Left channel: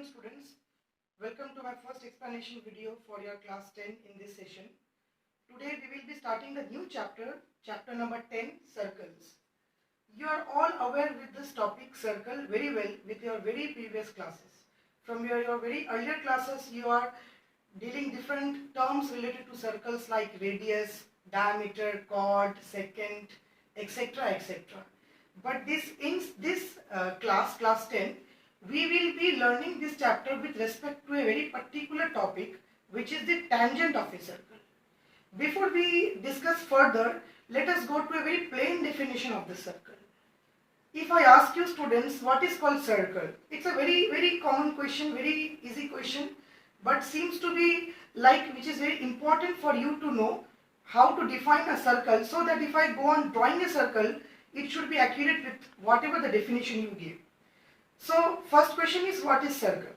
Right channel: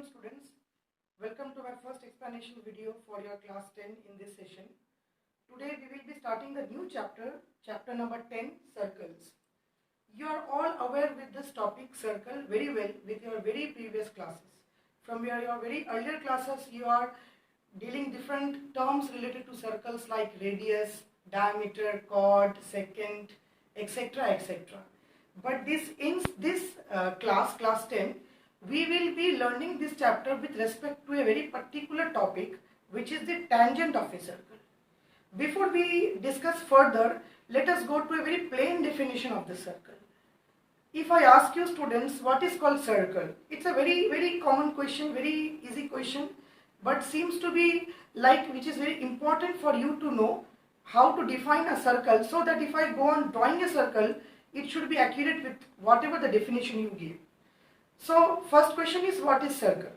afternoon, students. Welcome to my first explanation video for your class 10 in this session. Today we will be starting the new chapter, chapter number 10, circles. You are all aware with this topic circle very well with your very previous classes. From your very earlier classes, you are dealing different terms related to circles like radius, diameter, chord, secant, etc. etc. But in this class 10, we will be learning this chapter with respect to a very particular topic, which is the tangent of a circle. Before we discuss further, let us go to a very plain definition of the circle. If I ask you students what is called circle, it's a very common question, very easy question, but seems to be like which is very important for you to know how to define a circle, so that if I go on drawing a circle, it should be accurate with whatever the definition you give. So first question is, what is circle?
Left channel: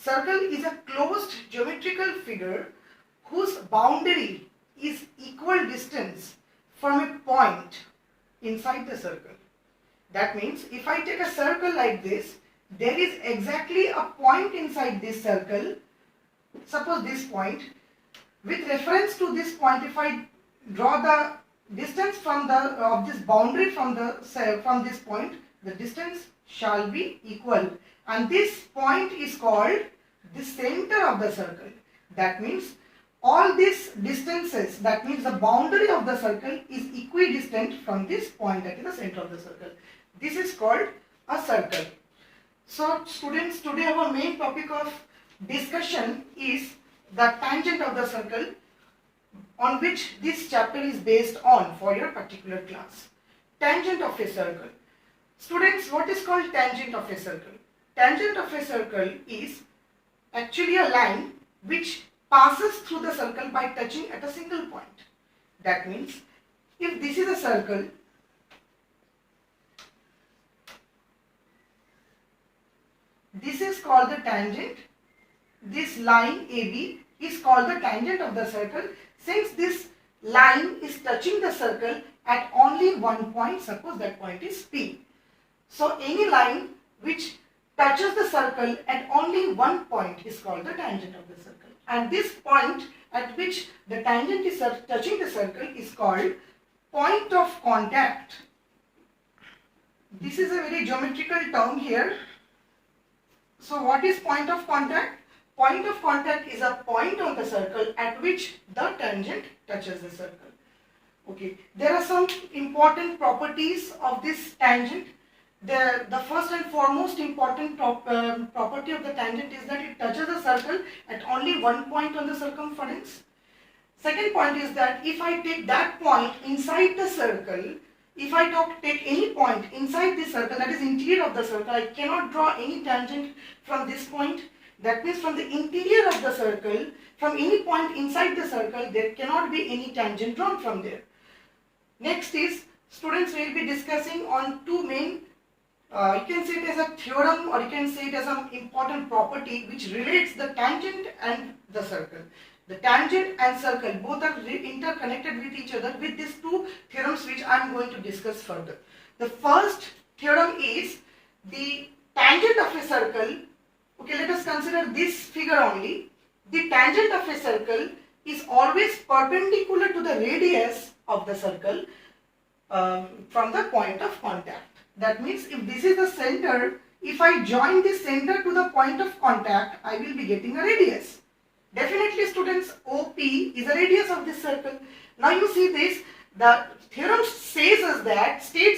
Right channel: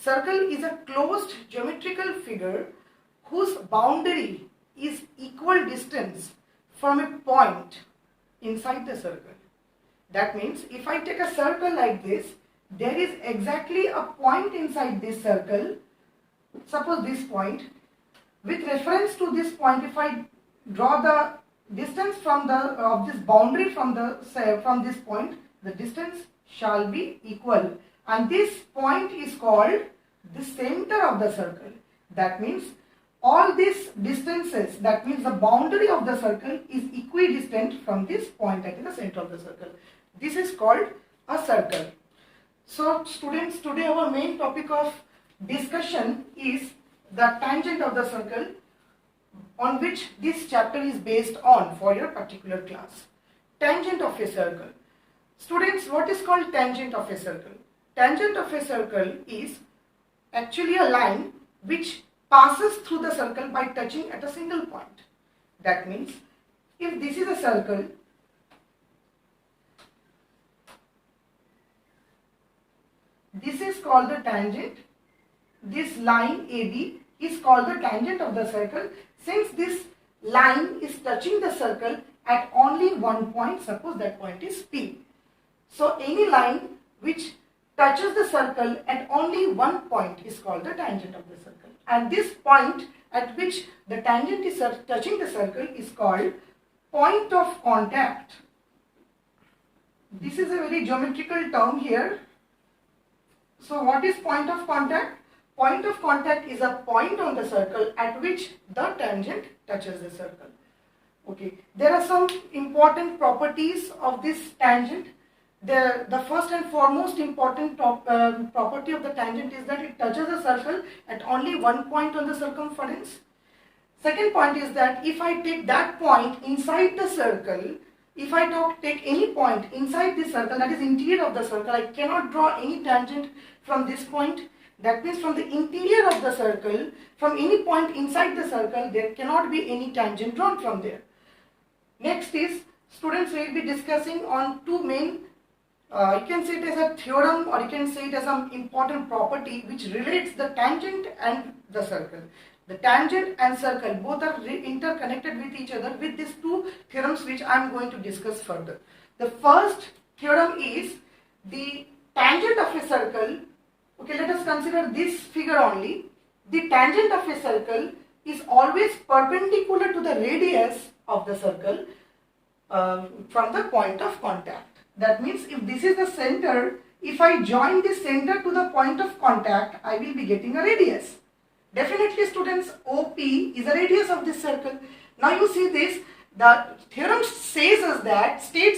Circle is a closed geometrical figure whose boundary is equal distance from a point inside the circle. That means if I take a circle like this, there is exactly a point inside this circle. Suppose this point. With reference to this point, if I draw the distance from this boundary from this point, the distance shall be equal, and this point is called the center of the circle. That means all these distances, that means the boundary of the circle is equidistant from this point that is the center of the circle. This is called a circle. So students, today our main topic of discussion is the tangent of the circle, on which this chapter is based on for your particular class. Tangent of a circle. Students, what is called tangent of a circle? Tangent of a circle is actually a line which passes through the circle by touching at a single point. That means if this is a circle, this is called the tangent. This line AB is called the tangent of the circle, since this line is touching the circle at only one point. Suppose that point is P. So any line which touches the circle at only one point is called the tangent of the circle. And this point at which the tangent is touching the circle is called point of contact. This is a very geometrical term here. So what is point of contact? Point of contact is a point on the circle at which the tangent touches the circle. Okay, there are some important properties of this tangent. The first and foremost important property of the tangent is that it touches the circle at only one point on the circumference. Second point is that if I take that point inside the circle, if I take any point inside the circle, that is interior of the circle, I cannot draw any tangent from this point. That means from the interior of the circle, from any point inside the circle, there cannot be any tangent drawn from there. Next is, students will be discussing on two main, you can say it as a theorem, or you can say it as an important property which relates the tangent and the circle. The tangent and circle both are interconnected with each other with these two theorems which I am going to discuss further. The first theorem is the tangent of a circle. Okay, let us consider this figure only. The tangent of a circle is always perpendicular to the radius of the circle from the point of contact. That means if this is the center, if I join this center to the point of contact, I will be getting a radius. Definitely students, OP is the radius of this circle. Now you see this, the theorem states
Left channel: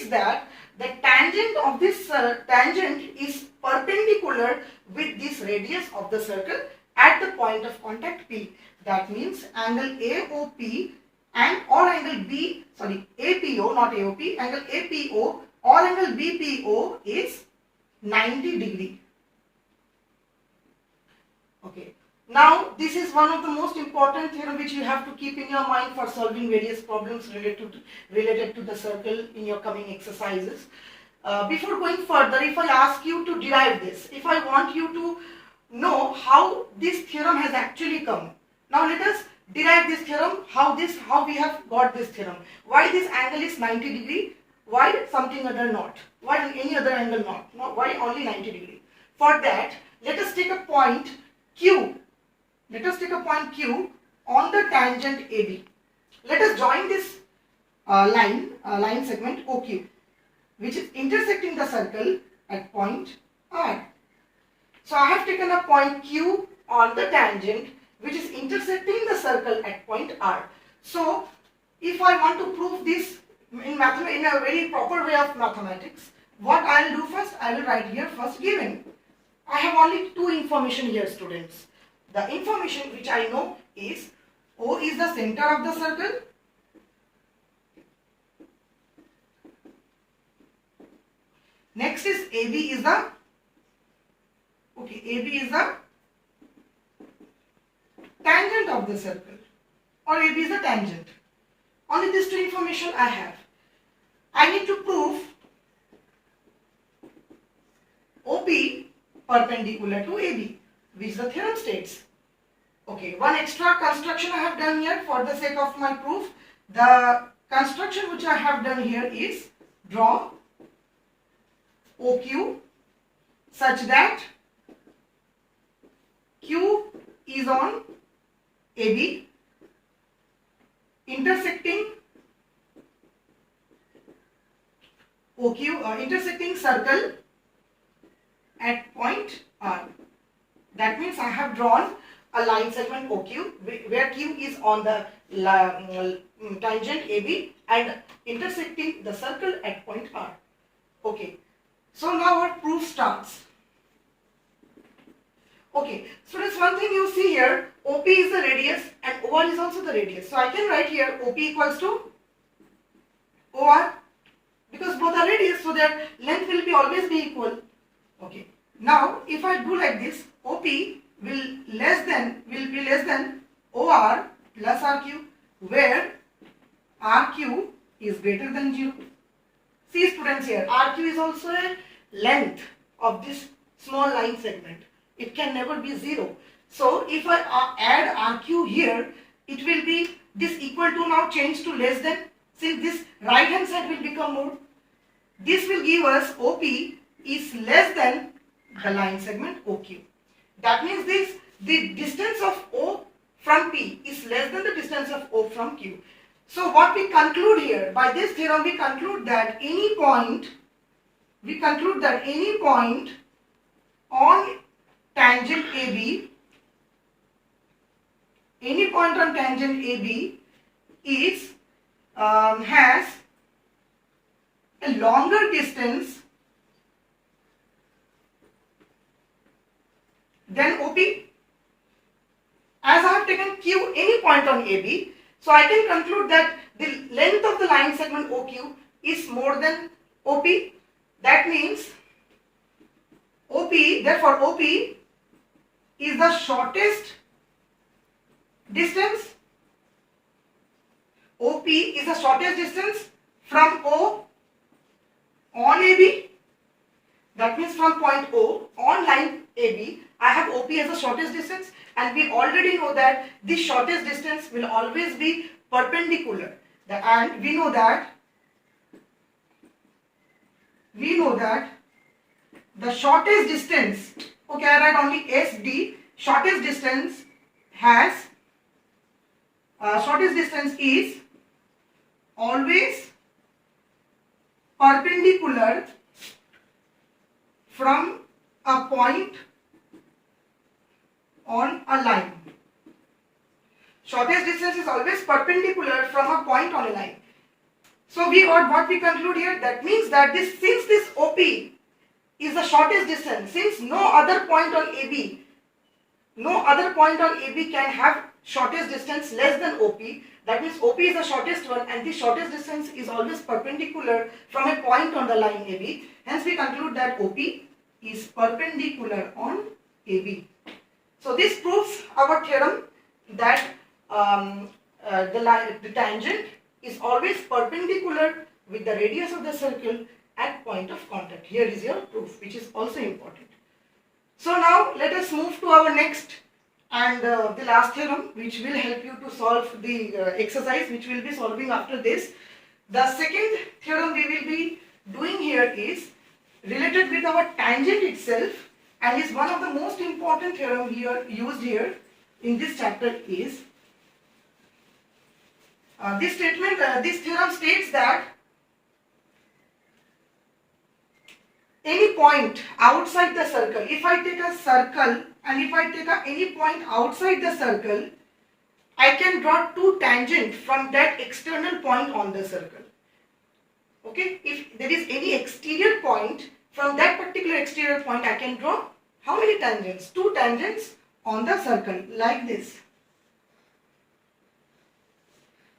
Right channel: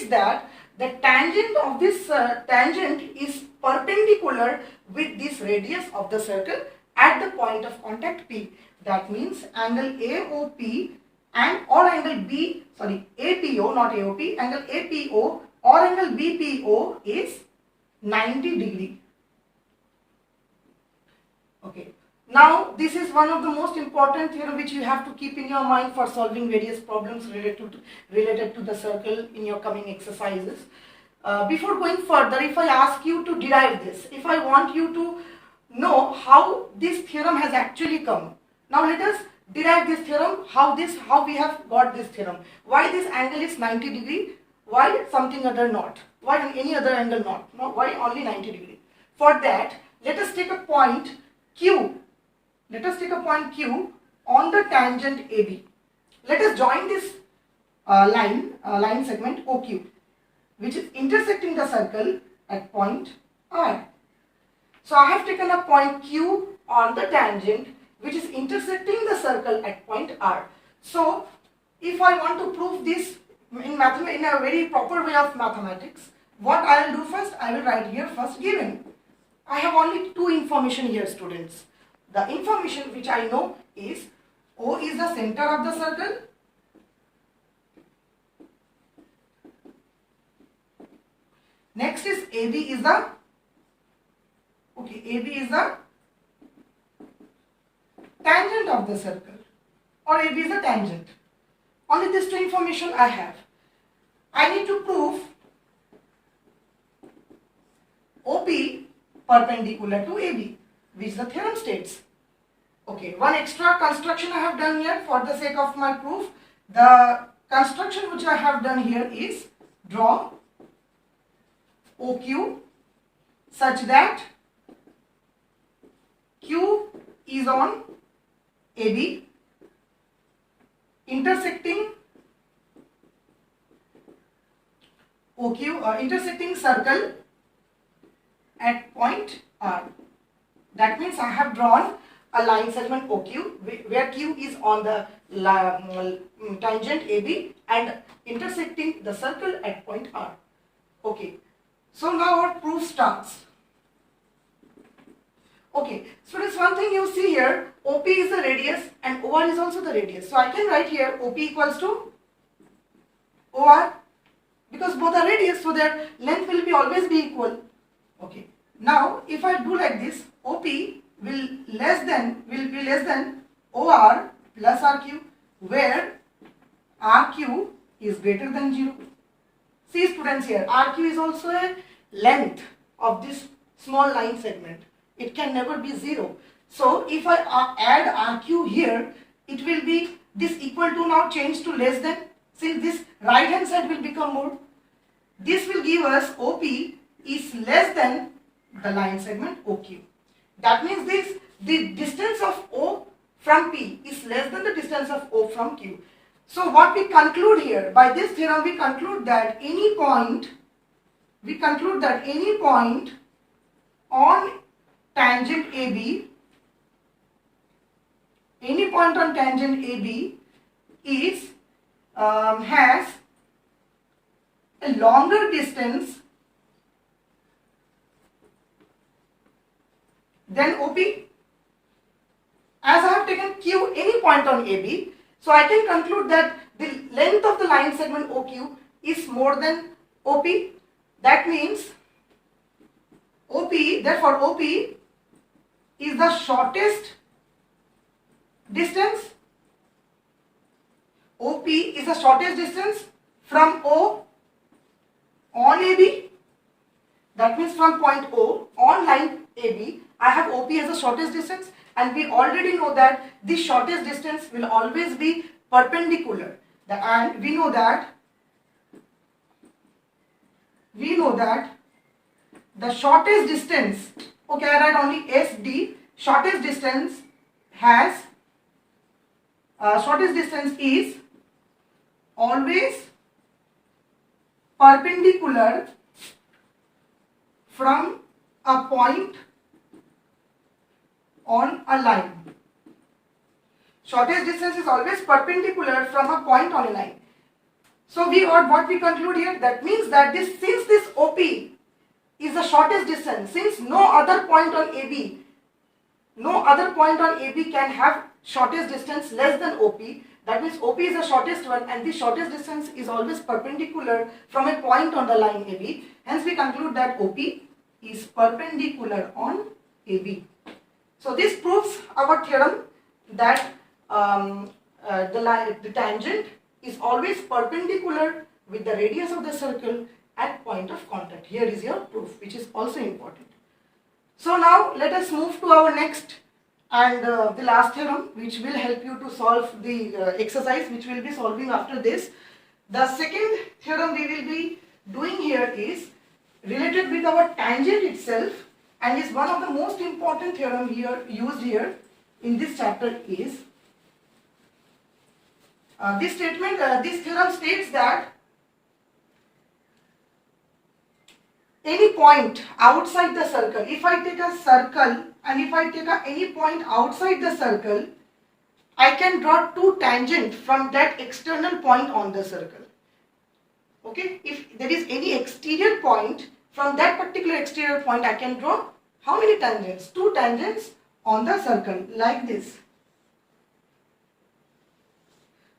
that the tangent of this tangent is perpendicular with this radius of the circle at the point of contact P. That means angle AOP and or angle APO, not AOP, angle APO or angle BPO is 90 degree. Okay. Now this is one of the most important theorem which you have to keep in your mind for solving various problems related to the circle in your coming exercises. Before going further, if I ask you to derive this, if I want you to know how this theorem has actually come. Now let us derive this theorem, how we have got this theorem. Why this angle is 90 degree? Why something other not? Why any other angle not? Why only 90 degree? For that, let us take a point Q. Let us take a point Q on the tangent AB. Let us join this line segment OQ, which is intersecting the circle at point R. So I have taken a point Q on the tangent which is intersecting the circle at point R. So if I want to prove this in a very proper way of mathematics, what I will do first, I will write here first given. I have only two information here, students. The information which I know is O is the center of the circle, next is AB is the tangent of the circle, or AB is the tangent. Only these two information I have. I need to prove OP perpendicular to AB, which the theorem states. Okay, one extra construction I have done here for the sake of my proof. The construction which I have done here is draw OQ such that Q is on AB, intersecting OQ, intersecting circle at point R. That means I have drawn a line segment OQ where Q is on the tangent AB and intersecting the circle at point R. Okay, so now our proof starts. Okay, students, one thing you see here, OP is the radius and OR is also the radius. So I can write here OP equals to OR, because both are radius, so their length will always be equal. Okay, now if I do like this, OP will be less than OR plus RQ, where RQ is greater than 0. See, students, here RQ is also a length of this small line segment. It can never be 0. So if I add RQ here, it will be this equal to now change to less than. See, this right hand side will become more. This will give us OP is less than the line segment OQ. That means the distance of O from P is less than the distance of O from Q. So what we conclude here, by this theorem we conclude that any point on tangent AB, any point on tangent AB is has a longer distance than OP. As I have taken Q any point on AB, so I can conclude that the length of the line segment OQ is more than OP. That means therefore OP is the shortest distance. OP is the shortest distance from O on AB. That means from point O on line AB, I have OP as the shortest distance, and we already know that the shortest distance will always be perpendicular. And we know that the shortest distance, okay, I write only SD, shortest distance is always perpendicular from a point on a line. Shortest distance is always perpendicular from a point on a line. So what we conclude here, that means that since this OP is the shortest distance, since no other point on AB can have shortest distance less than OP, that means OP is the shortest one, and the shortest distance is always perpendicular from a point on the line AB. Hence we conclude that OP is perpendicular on AB. So this proves our theorem that the tangent is always perpendicular with the radius of the circle at point of contact. Here is your proof, which is also important. So now let us move to our next and the last theorem, which will help you to solve the exercise which we will be solving after this. The second theorem we will be doing here is related with our tangent itself, and is one of the most important theorem here used here in this chapter is this theorem states that any point outside the circle, if I take a circle and if I take any point outside the circle, I can draw two tangents from that external point on the circle. Okay, if there is any exterior point, from that particular exterior point I can draw how many tangents? Two tangents on the circle, like this.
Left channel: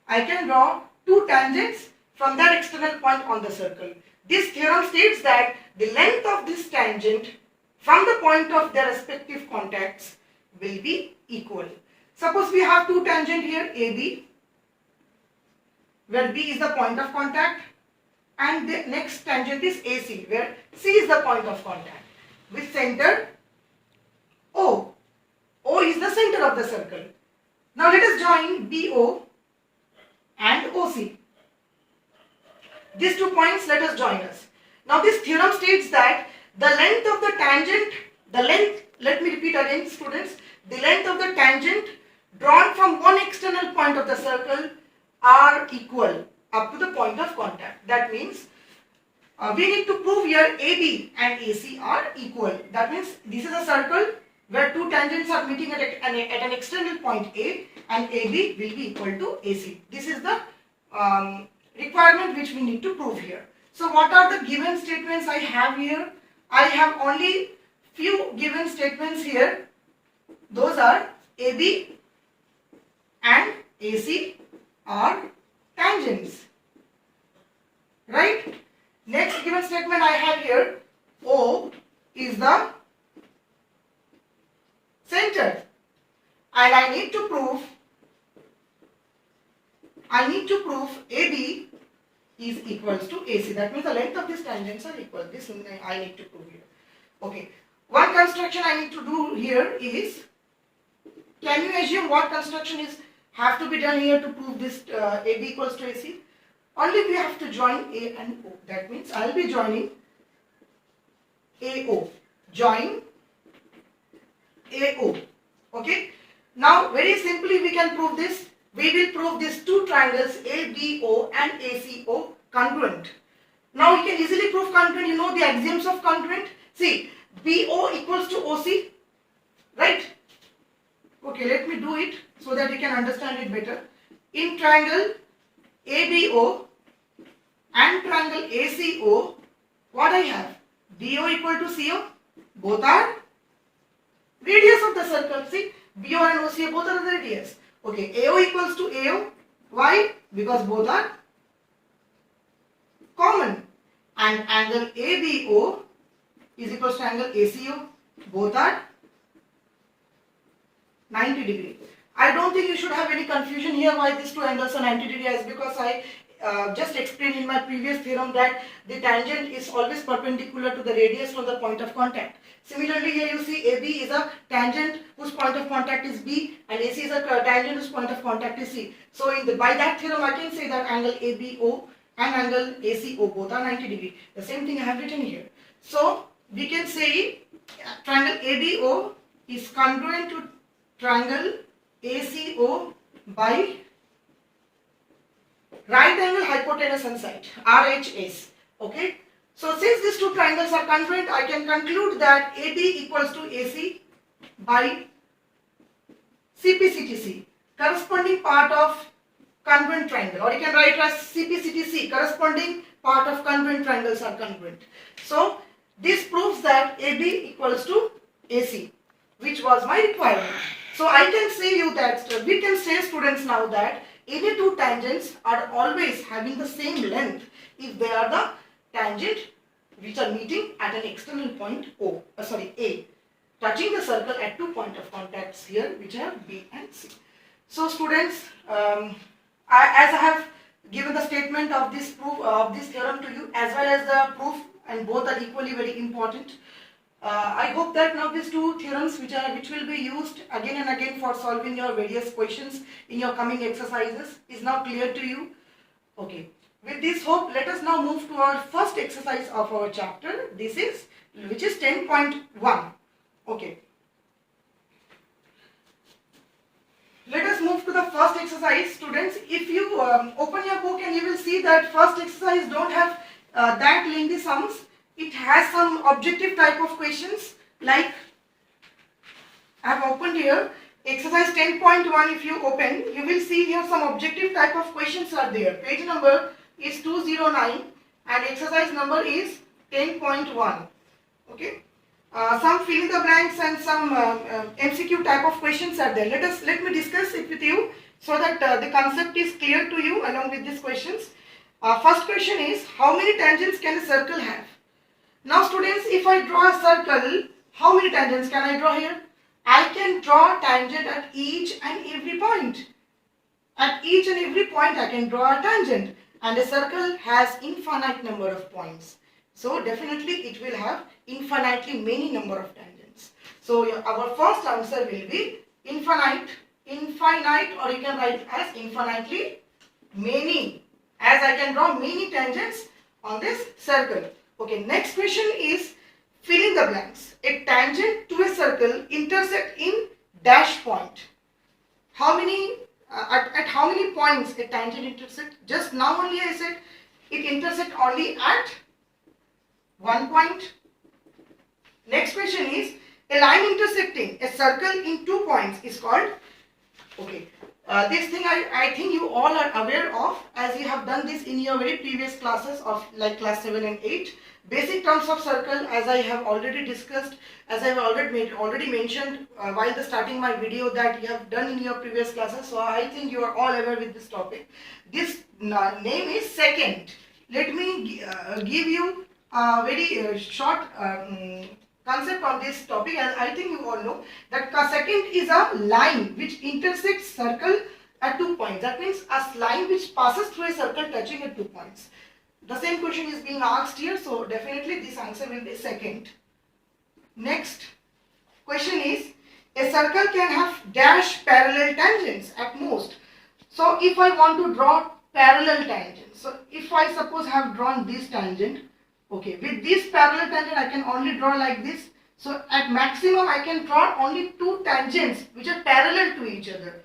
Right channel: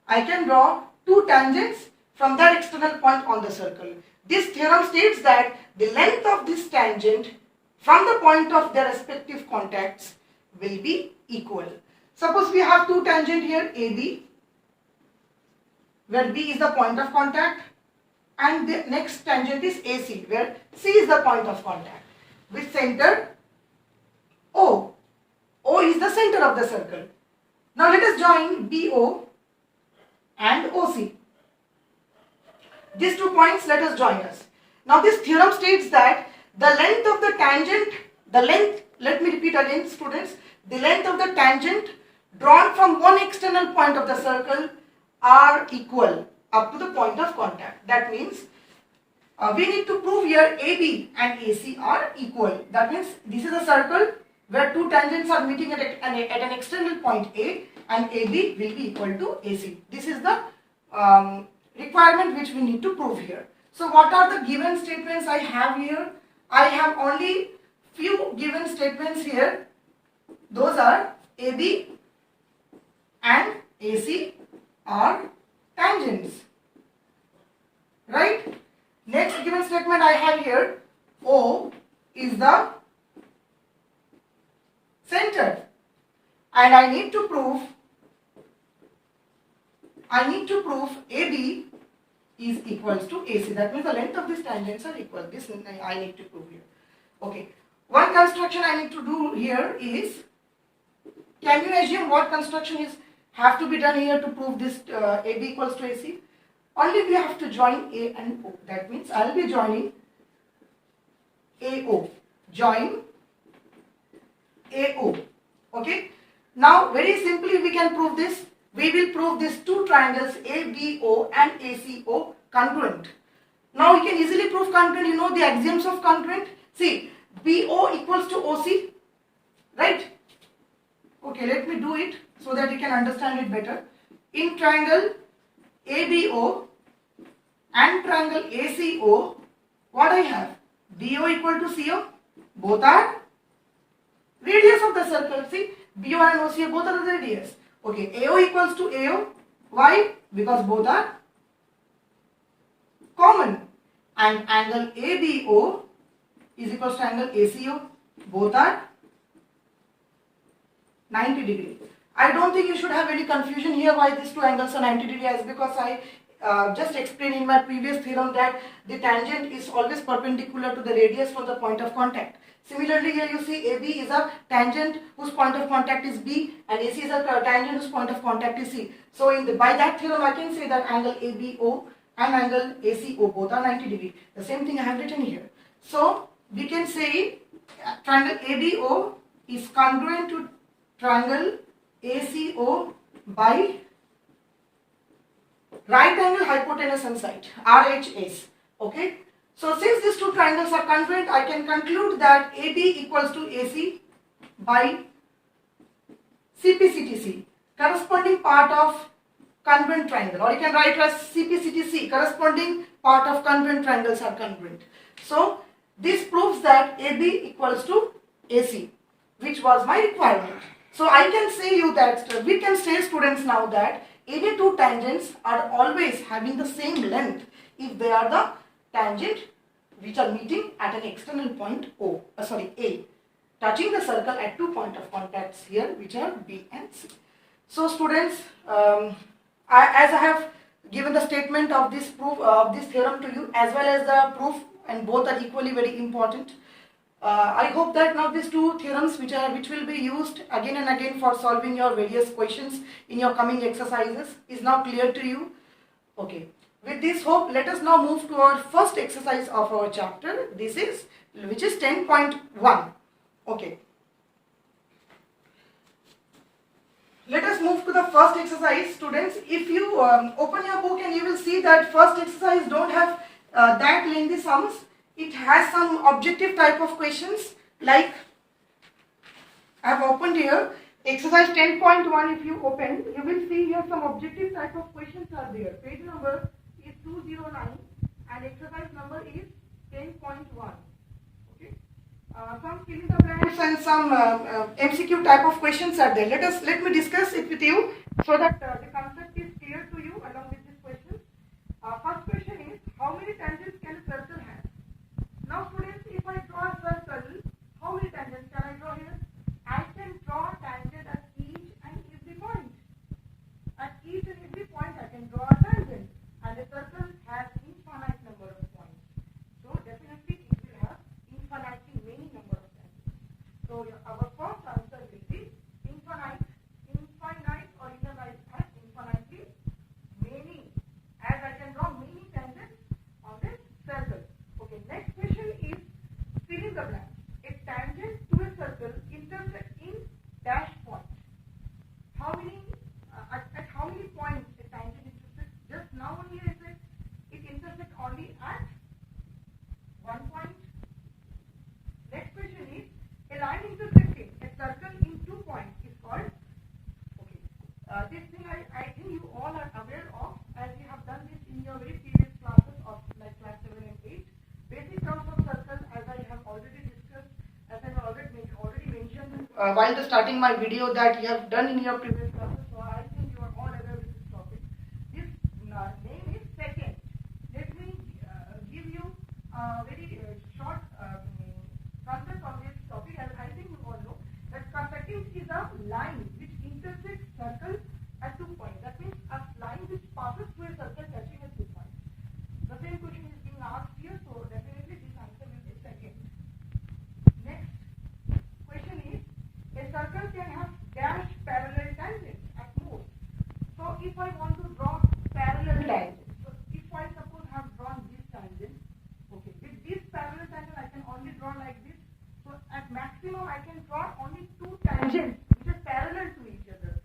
I can draw two tangents from that external point on the circle. This theorem states that the length of this tangent from the point of their respective contacts will be equal. Suppose we have two tangents here, AB, where B is the point of contact, and the next tangent is AC, where C is the point of contact, with center O. O is the center of the circle. Now let us join BO and OC. These 2 points, let us join us. Now this theorem states that the length of the tangent, let me repeat again students, the length of the tangent drawn from one external point of the circle are equal up to the point of contact. That means we need to prove here AB and AC are equal. That means this is a circle where two tangents are meeting at an external point A, and AB will be equal to AC. This is the requirement which we need to prove here. So what are the given statements I have here? I have only few given statements here. Those are AB and AC are tangents, right? Next given statement I have here, O is the center, and I need to prove AB is equals to AC. That means the length of these tangents are equal. This I need to prove here. Okay. One construction I need to do here is, can you assume what construction is have to be done here to prove this AB equals to AC? Only we have to join A and O. That means I will be joining AO. Join AO. Okay. Now very simply we can prove this. We will prove these two triangles ABO and ACO congruent. Now you can easily prove congruent. You know the axioms of congruent. See, BO equals to OC, right? Okay, let me do it so that you can understand it better. In triangle ABO and triangle ACO, what I have? BO equal to CO. Both are radius of the circle. See, BO and OCO both are the radius. Okay, AO equals to AO. Why? Because both are common. And angle ABO is equals to angle ACO. Both are 90 degree. I don't think you should have any confusion here why these two angles are 90 degrees, because I just explained in my previous theorem that the tangent is always perpendicular to the radius from the point of contact. Similarly, here you see AB is a tangent whose point of contact is B, and AC is a tangent whose point of contact is C. So by that theorem I can say that angle ABO and angle ACO both are 90 degree. The same thing I have written here. So we can say triangle ABO is congruent to triangle ACO by right angle hypotenuse on side, RHS. Okay. So since these two triangles are congruent, I can conclude that AB equals to AC by CPCTC, corresponding part of congruent triangle, or you can write as CPCTC, corresponding part of congruent triangles are congruent. So this proves that AB equals to AC, which was my requirement. So I can say you that we can say students now that any two tangents are always having the same length if they are the tangent which are meeting at an external point A, touching the circle at 2 points of contacts here, which are B and C. So students, as I have given the statement of this proof of this theorem to you, as well as the proof, and both are equally very important. I hope that now these two theorems which will be used again and again for solving your various questions in your coming exercises is now clear to you. Okay. With this hope, let us now move to our first exercise of our chapter. Which is 10.1. Okay. Let us move to the first exercise, students. If you open your book and you will see that first exercise don't have that lengthy sums. It has some objective type of questions, like I have opened here exercise 10.1. If you open, you will see here some objective type of questions are there. Page number is 209 and exercise number is 10.1. Okay. Some fill in the blanks and some MCQ type of questions are there. Let me discuss it with you so that the concept is clear to you along with these questions. First question is, how many tangents can a circle have? Now students, if I draw a circle, how many tangents can I draw here? I can draw a tangent at each and every point. At each and every point I can draw a tangent, and a circle has infinite number of points. So definitely it will have infinitely many number of tangents. So our first answer will be infinite, or you can write as infinitely many, as I can draw many tangents on this circle. Okay, next question is fill in the blanks. A tangent to a circle intersect in dash point. How many at how many points a tangent intersect? Just now only I said it intersect only at 1 point. Next question is, a line intersecting a circle in 2 points is called. Okay, this thing I think you all are aware of, as you have done this in your very previous classes of like class 7 and 8. Basic terms of circle, as I have already discussed, as I have already mentioned while starting my video, that you have done in your previous classes. So I think you are all aware with this topic. This name is secant. Let me give you a very short concept on this topic, and I think you all know that secant is a line which intersects circle at 2 points. That means a line which passes through a circle touching at 2 points. The same question is being asked here, so definitely this answer will be secant. Next question is, a circle can have dash parallel tangents at most. So if I want to draw parallel tangents, so if I suppose have drawn this tangent, okay, with this parallel tangent I can only draw like this. So at maximum I can draw only 2 tangents which are parallel to each other.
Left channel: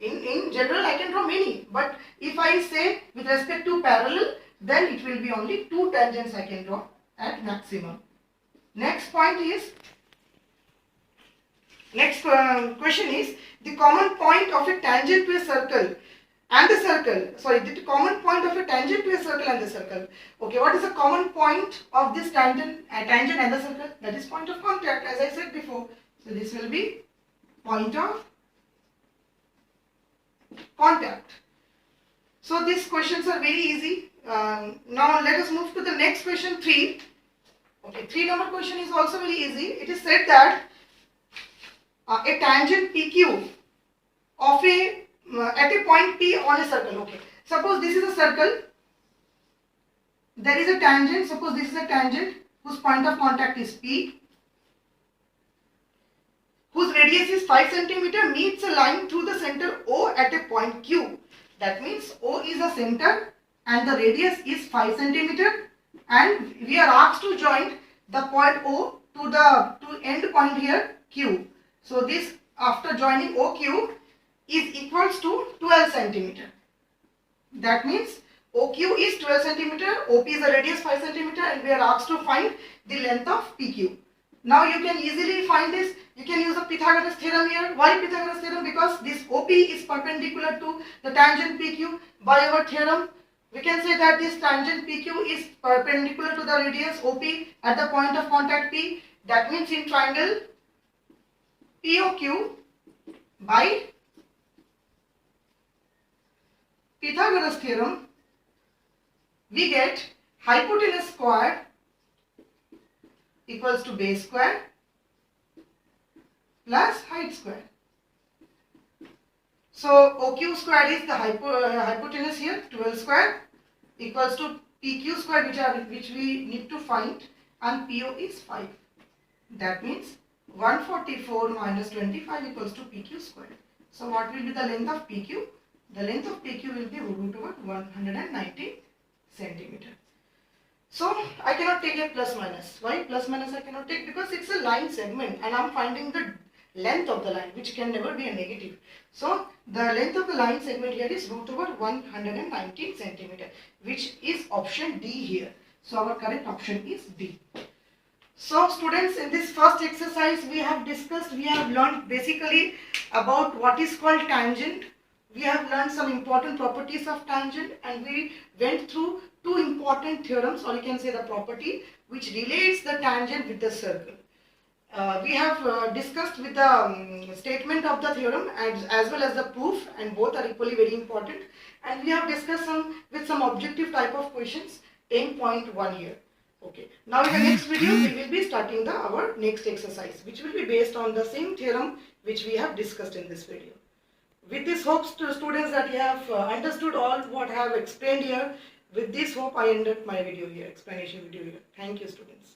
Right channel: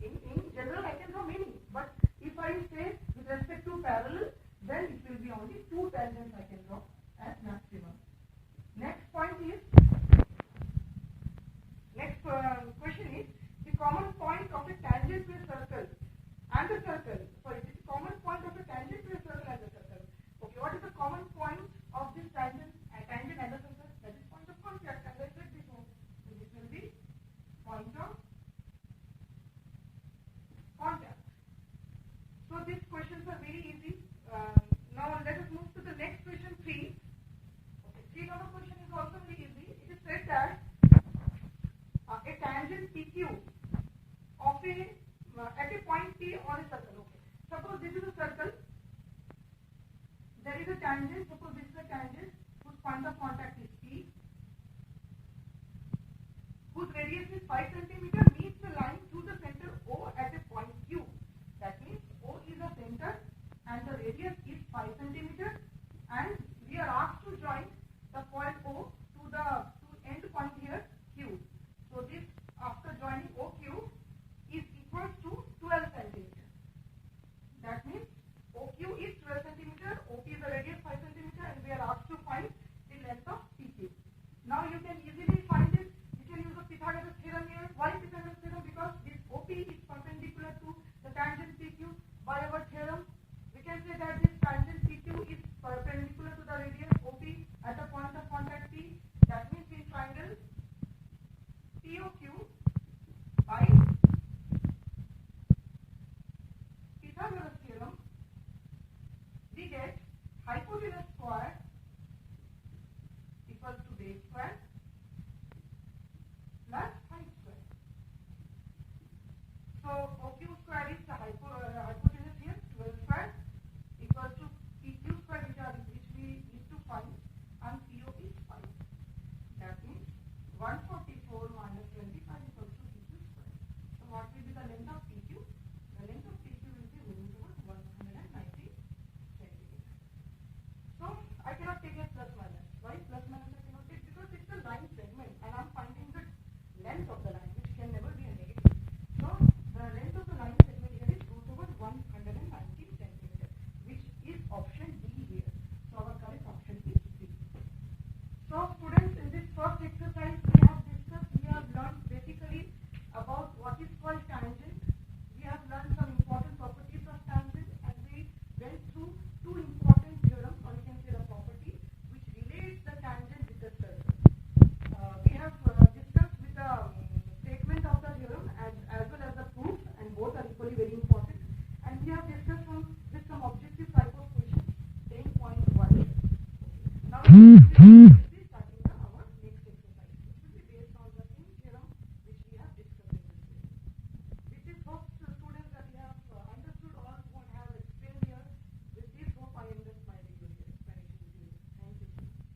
In general I can draw many, but if I say with respect to parallel, then it will be only 2 tangents I can draw at maximum. Next question is, the common point of a tangent to a circle and the circle. Sorry, the common point of a tangent to a circle and the circle. Okay, what is the common point of this tangent and the circle? That is point of contact, as I said before. So this will be point of contact. So these questions are very easy. Now let us move to the next question, 3. Okay, 3 number question is also very easy. It is said that a tangent PQ of at a point P on a circle. Okay, suppose this is a circle. There is a tangent. Suppose this is a tangent whose point of contact is P, whose radius is 5 cm, meets a line through the center O at a point Q. That means O is a center and the radius is 5 cm, and we are asked to join the point O to end point here Q. So this, after joining OQ, is equals to 12 cm. That means OQ is 12 cm, OP is the radius 5 cm, and we are asked to find the length of PQ. Now you can easily find this. You can use the Pythagoras theorem here. Why Pythagoras theorem? Because this OP is perpendicular to the tangent PQ. By our theorem, we can say that this tangent PQ is perpendicular to the radius OP at the point of contact P. That means in triangle POQ, by Pythagoras theorem, we get hypotenuse squared equals to base square plus height square. So OQ square is the hypotenuse here, 12 square, equals to PQ square, which we need to find, and PO is 5. That means 144 minus 25 equals to PQ square. So what will be the length of PQ? The length of PQ will be root over 190 centimeter. So I cannot take a plus minus. Why plus minus I cannot take? Because it's a line segment and I'm finding the length of the line, which can never be a negative. So the length of the line segment here is root over 119 centimeter, which is option D here. So our correct option is D. So students, in this first exercise we have learned basically about what is called tangent. We have learned some important properties of tangent, and we went through two important theorems, or you can say the property which relates the tangent with the circle. We have discussed with the statement of the theorem as well as the proof, and both are equally very important. And we have discussed with some objective type of questions 10.1 here. Okay. Now in the next video we will be starting our next exercise, which will be based on the same theorem which we have discussed in this video. With this hopes to students that you have understood all what I have explained here. With this hope I end up my video here, explanation video here. Thank you students.